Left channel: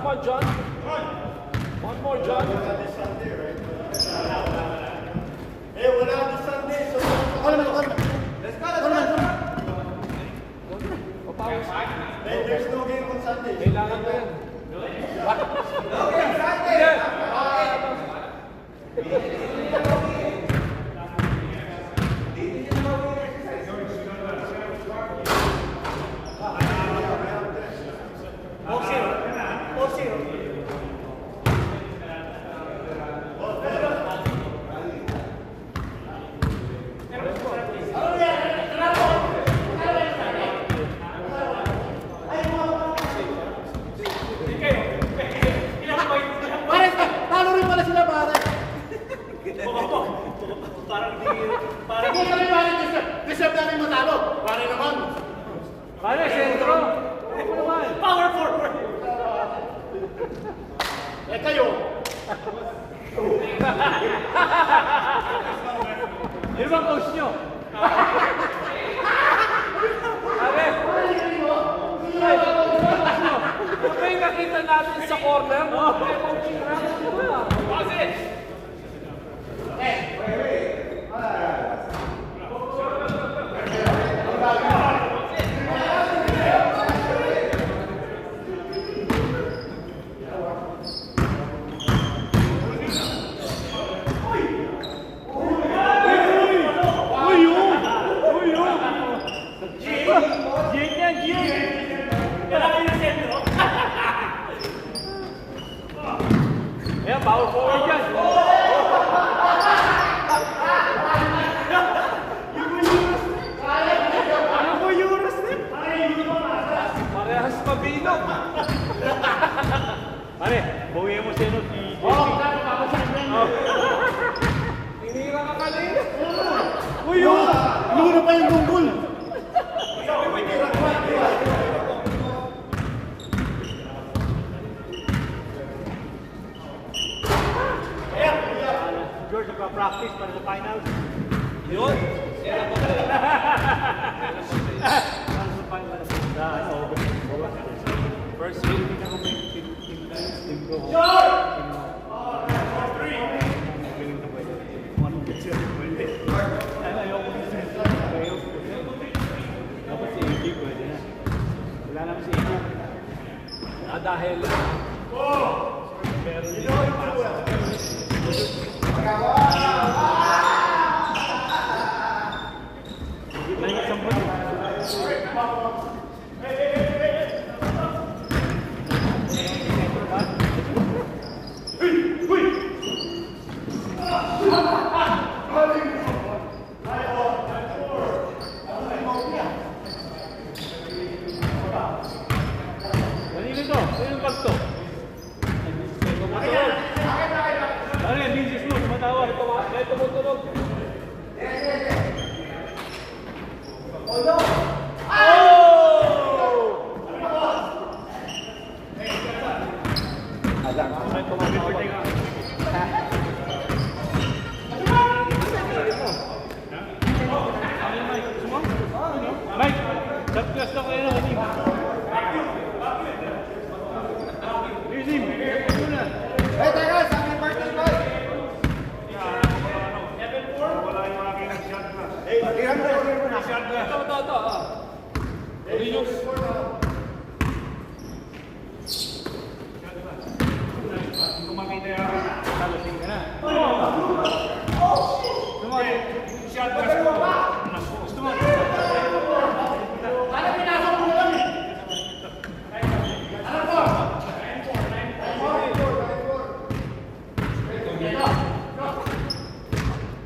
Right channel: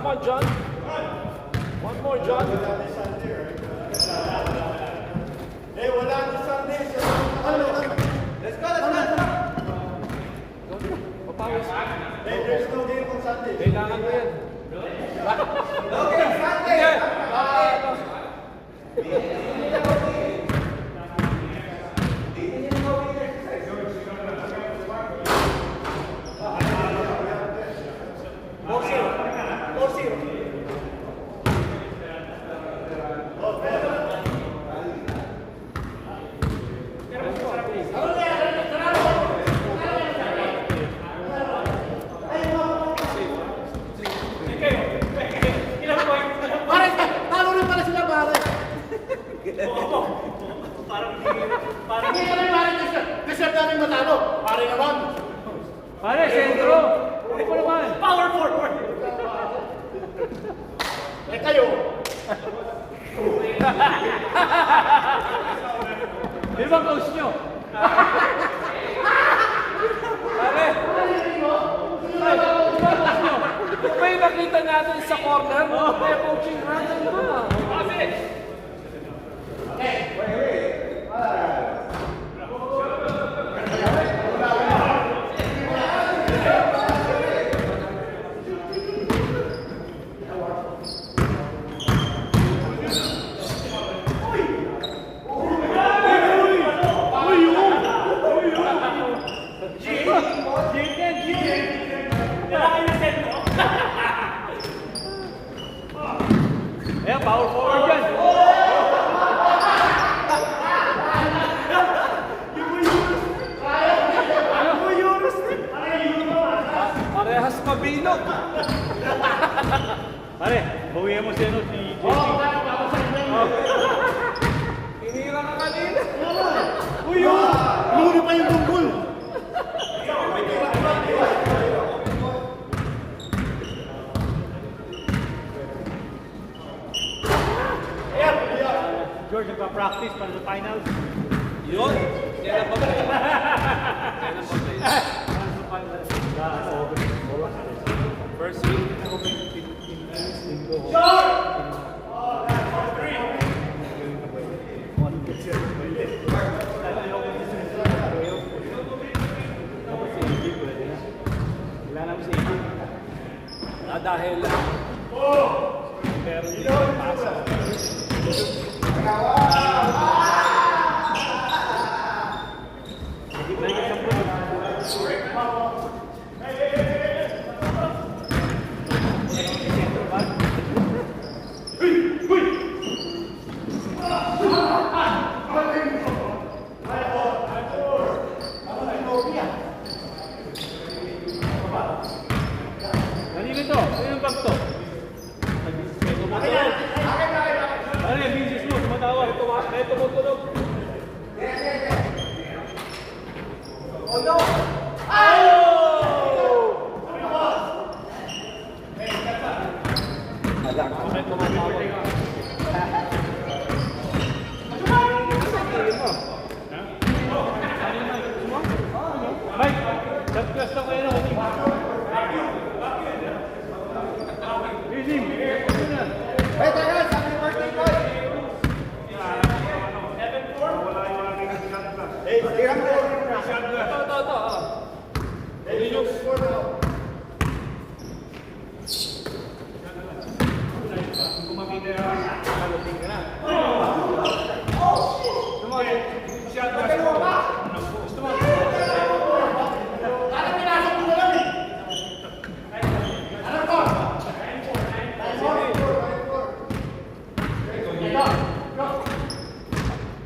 Come on, John. One more, John. Eh, wala na Sunday. Let's go. There's no game on Sunday. Kailangan ko yan. Okay, Sunday. Pare, sentro. Ano pa naman? Power forward. Eh kayo. Sino bang coach nyo? Pare, sino bang coach nyo? May nakita natin sa corner. May coaching natin. Ayan, power forward yan. Parehas kabila. Pare, bawihan mo si JC. Inira ka kanina. Uy, luna pa yung bunggol. George, nagpa-practice para sa finals. Yun? Kailan ba ba? First game ako may team ko. Wala naman si Ito. Dahil kanino to? Kanino bag to? Pare, bisis mo, sumatawag. Ito mo tulog. Oh no! Mike, nag-trust ako yun. Rizim, ito na.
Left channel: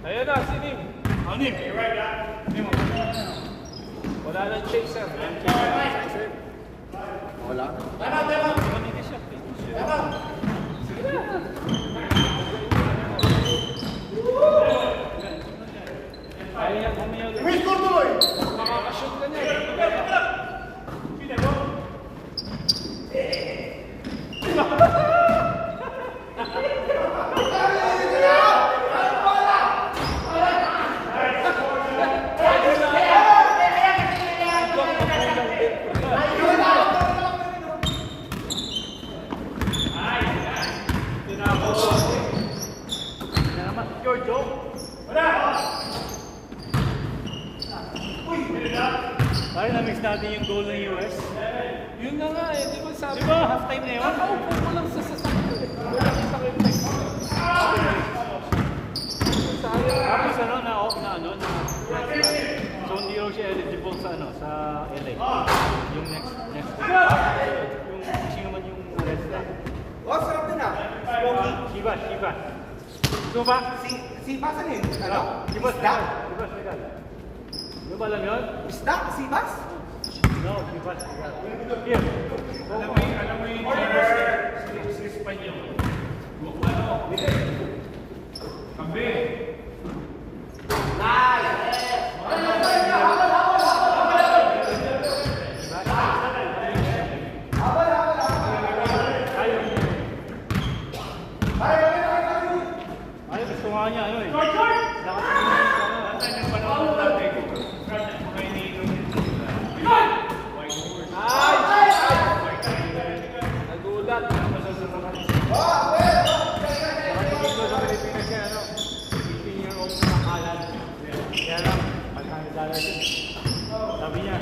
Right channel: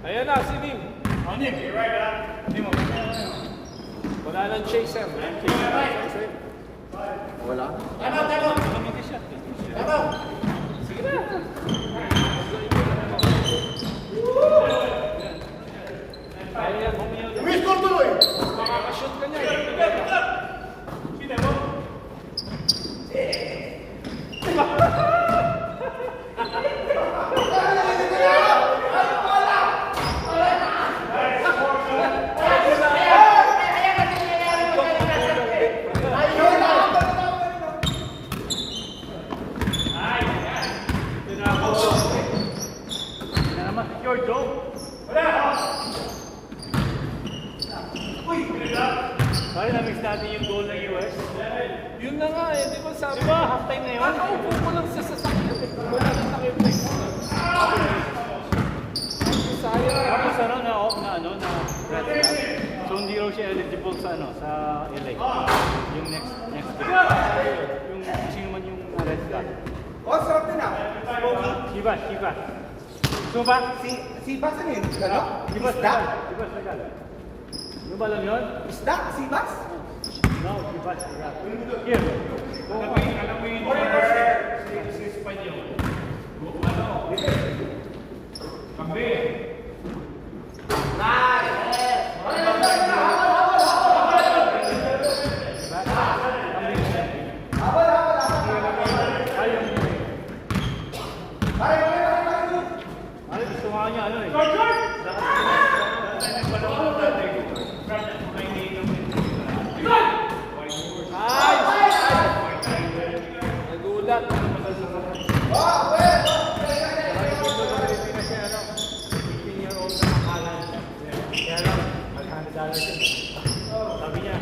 Ayan na, si Nim. Nim. Wala nang chaser. Wala. Kami ka shot. Ayan, bumiyaw. Miss Corduloy. Makakashoot ka niya. sinasabi. Di ba, half time na yun? Nakaupo ko lang sa sasakyan. Wala na sa reflex. Sayang. Tapos ano, na dress ka. So hindi raw siya eligible sa sa LA. Yung next week. Yung sino man yung arrest ka. What's up na? Shibas. So ba? Si Bas ano yun? Shibas legal. Yung ba alam yun? Isda? Si Bas? No, Shibas legal. Here. Alam mo yung sa Espanyol. Kambi. Ay, gusto nga niya ano eh. Nagulat. Sabi niya,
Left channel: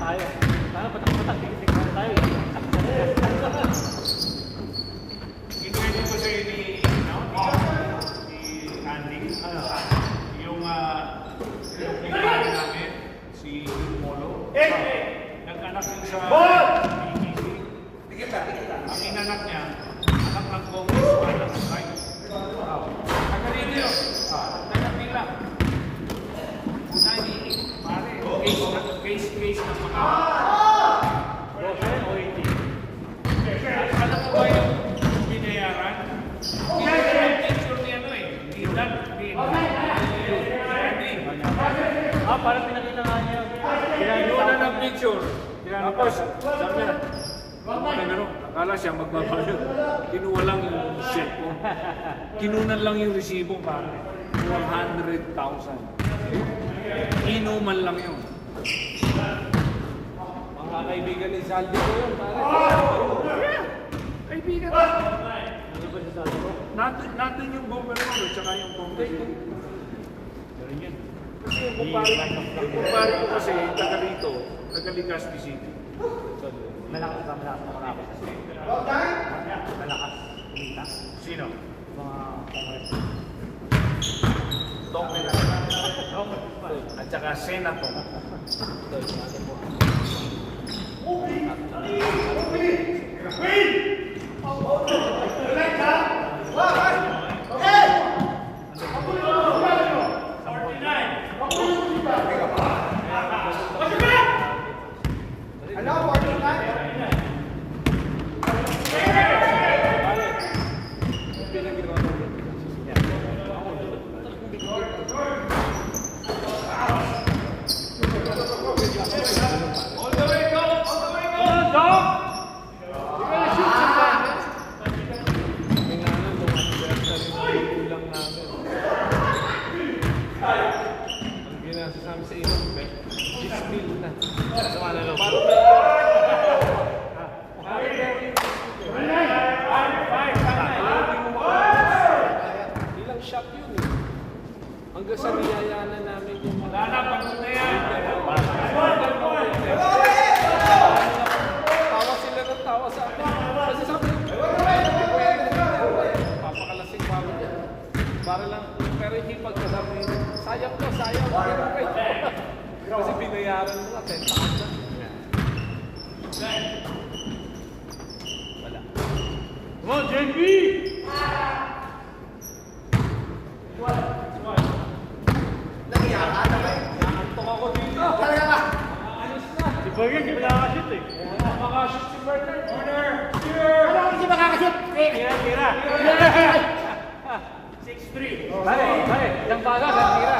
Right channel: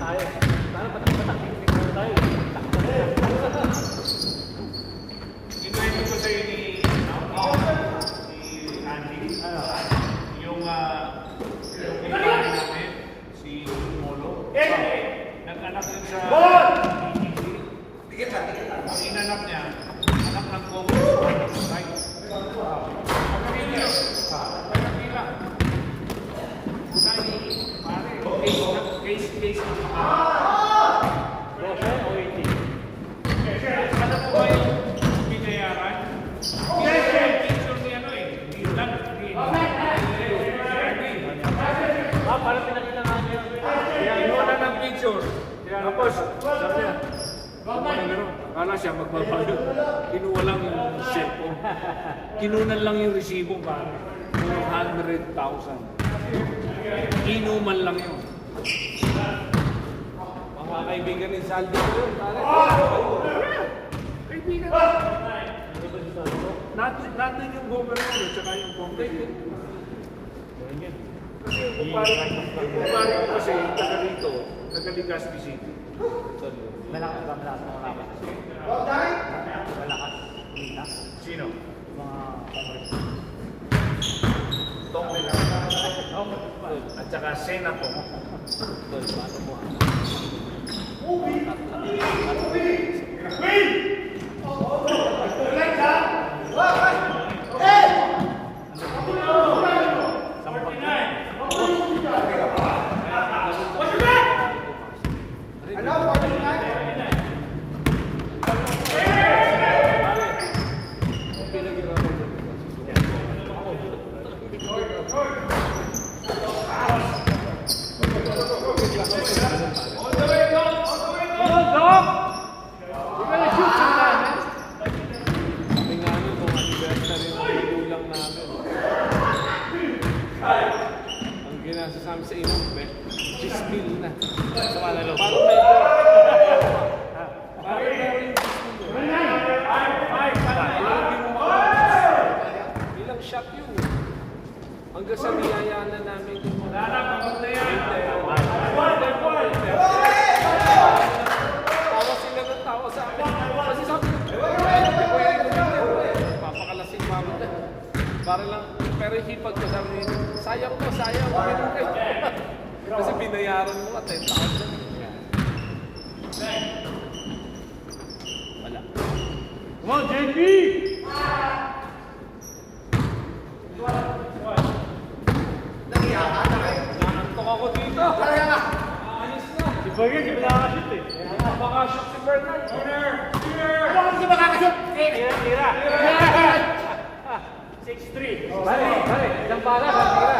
tayo. Sana patik-patik tayo. Ginagawa ko sa ni Andy. Ano? Yung pinakain namin, si Molo. Nag-anak yun sa... Ang inanak niya, anak ng Congressman ng Right. Kanina, nila. Case. 12 o 18? Ano ba yung binayaran? Binayaran yung picture ni ano eh. Di lang. Parang pinakailangan niya. Wala ng picture. Tapos, akala siya magbabalo. Kinuha lang yung cellphone. Kinunan lang yung resibo pare. 100,000. Inuman lang yun. Mga kaibigan ni Saldi ko yun, pare. Kaibigan. Natin yung governor at saka yung congressman. Kasi yung kumpare ko kasi taga rito, nagaligas ni City. Malakas na malakas. Malakas. Kita. Sino? Mga kongres. Tongre lang. At saka senator. Pinaghirapan mo. Come on, dog! You're gonna shoot sometime, man. May nga yun, kung anniversary yung ulang namin. Ang ginasasama sa inang bet, 16 na. Sama na loob. Parang ilang shot yun eh. Hanggang sa niyayanan namin yung mga tawa sila ng tawa sa akin. Kasi sabi papakalasing mama niya. Para lang, pero hipag ko sabi, sayang ko, ganun kayo. Kasi binayaran mo na 10,000. Come on, JP! Nangantok ako dito. Alis na. Si Bagay, di ba nakakashoot eh? Makashoot si Bernard. Ano kasi makakashoot? Tira. 6-3. Balik. Ilang baga, tira.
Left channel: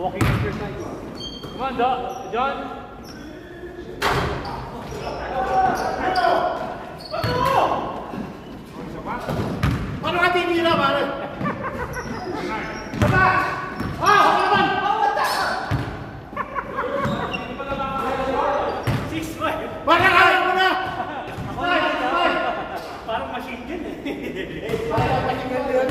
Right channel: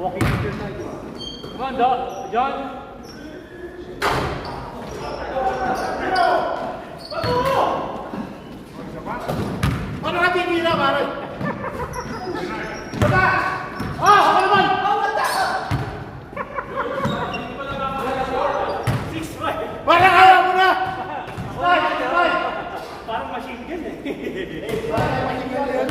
Walking exercise. Come on, John. Ano ka tinira, pare? Bata! Ako naman! Parang ayaw mo na! Five! Parang machine gun eh. Parang machine gun yun.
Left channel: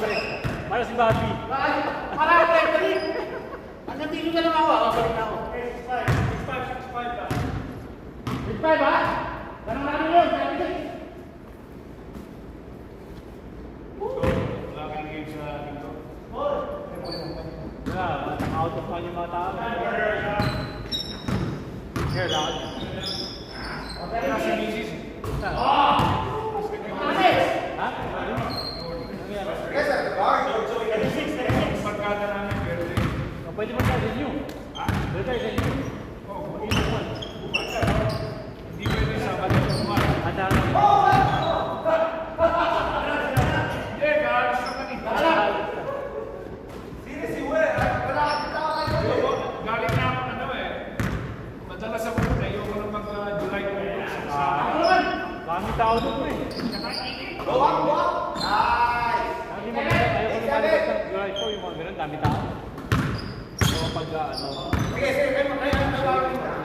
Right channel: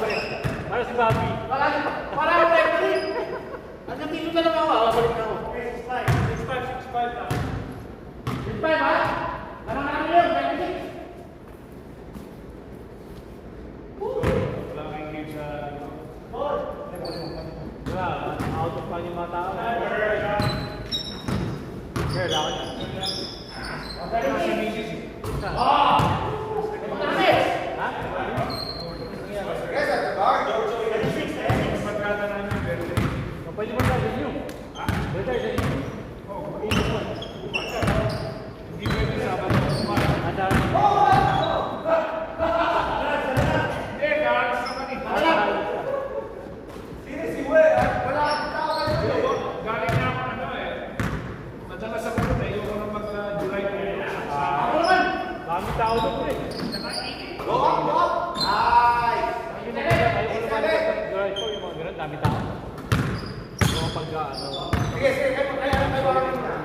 Para si Bobby. Para ako referee. Hanggang tingin ka lang ako, balik na ako. 6'5", ha? Tanong na kami yun, 96. Yeah, out of money mga tao. Here, down. Pwede ba tayo din yun? Pwede tayo din yun. Kami tao doon eh. Dami tao. So pag ano. Sige, kayo tawagan mo.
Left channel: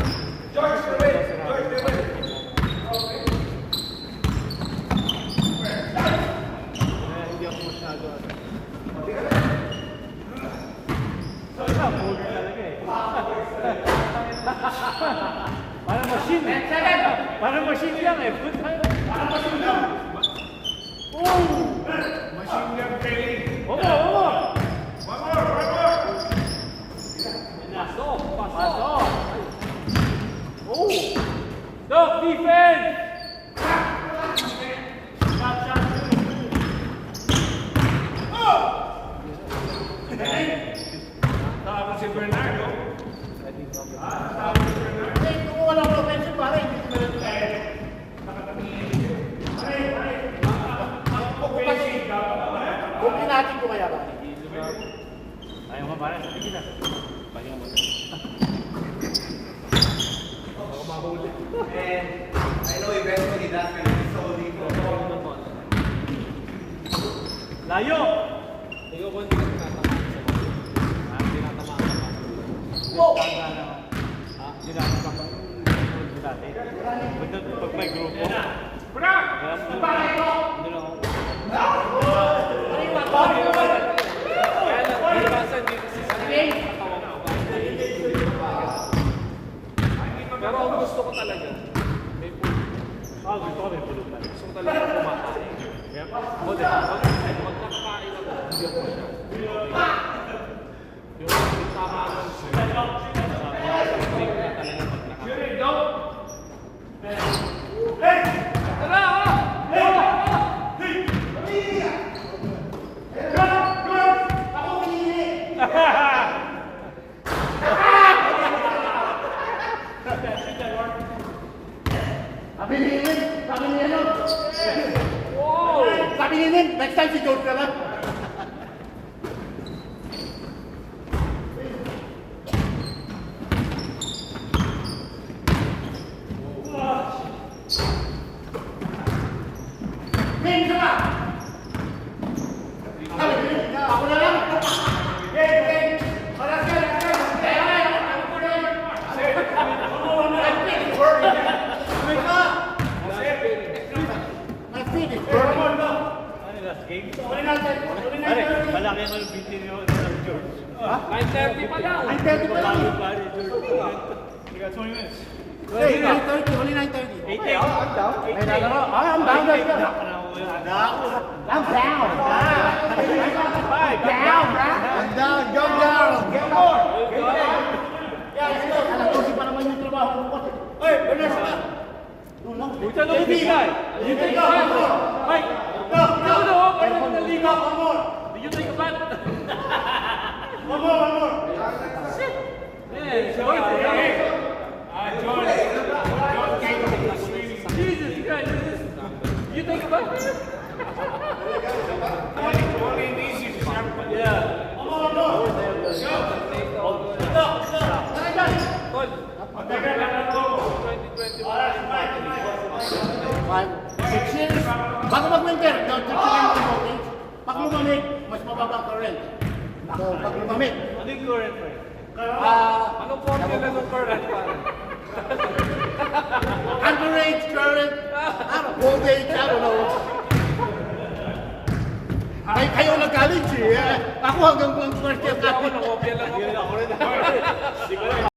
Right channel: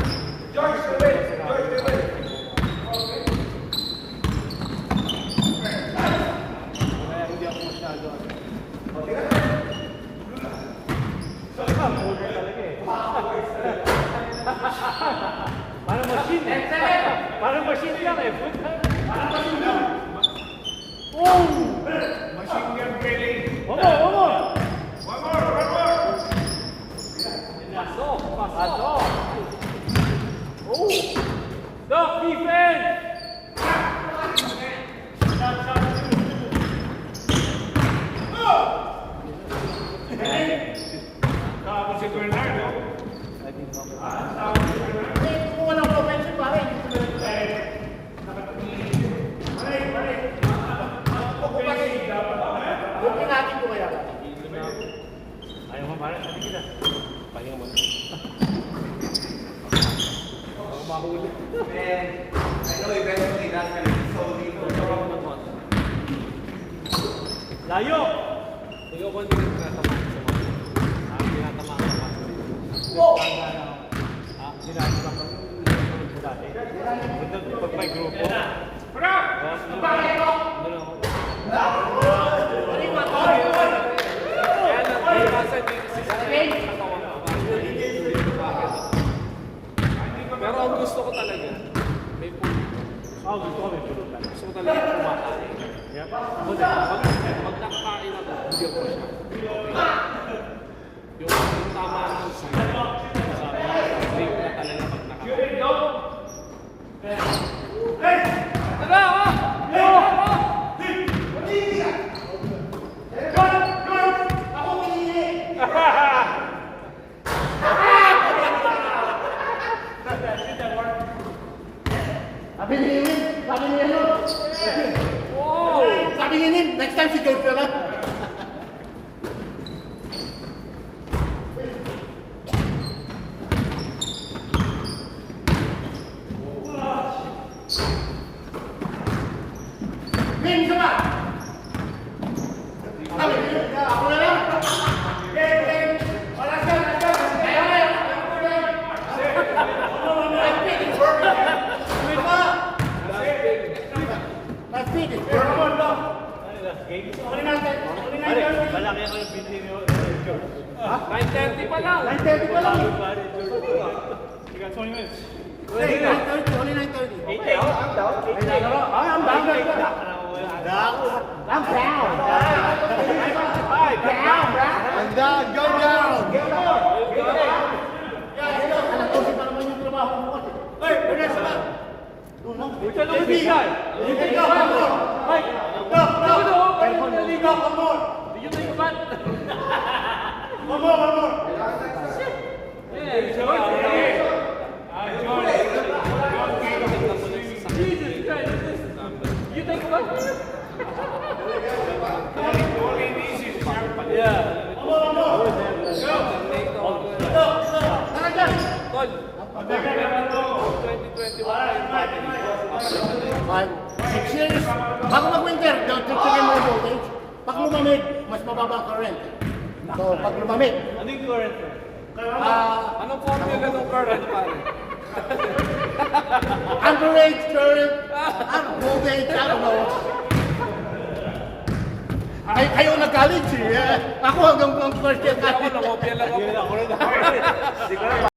George, wait. Hindi ako masyado. So ito, mood talaga eh. Parang machine eh. Parang machine yan eh. Parang machine yan. Oh! Machine gun trailing. Omo! Pasok. Oh! Stop defense! Tapos si Bernardo. Kung walang offensive, pare. Bukin natin ko kaya ba? Ayaw nga parang. Pahinga mo na. And I know eventually that's going to be so legal. Layo! Ikaw ko hindi natamaan sa mga. Hindi natamaan sa mga. Ginagawa ko dati. Pag may grupo. Bakit ito? Kaya nagkakasan dito si Sakay. Pero ang gusto ko talaga, may pulo. Gusto ko may pulutan. Gusto ko talaga kumakain. Yep. Ako din. Kahit pag nakakain ako, hindi ako siya. Yung tama lang siya. Hindi ko na talaga nakakain. Ako pinili. Sabi ni ano? Sabi ni Nin, next time si George pa ba? Nin, isa ba? Sabi ni Nin, ako na lang. Oras ka. My feet is burning. Malaki ako yung beauty nyo. 9:30 pa lang. 9:30 pa lang. You got 20 minutes. Hey, 9:30, only 9:30. I'm down. I'm down. I'm down. Down, bro. I'm down. Go down. Get more. Alam ko si pa naman yung trabaho mo kasi. Hey, Vanessa. No. Pucha, no ibigay. Ibigay ka, one more. No. Ibigay ka, one more. Did you take a bat? One more. Hey, Jesus Christ. You take a bat? Yeah. One more. Always have all the time. Tol, 6 years. Bago mag-winter, nagtitigan mo yung voltage. Pag lumamig, mas mababa ang current. So, pag lumamig, Ano yung current friend? Anong formula ng current pare? amperage, current, voltage, I don't know. kayo nag-college eh. Ako hanggang first year Ako, nakopya lang ako. Yun ako rin. Hindi ko alam.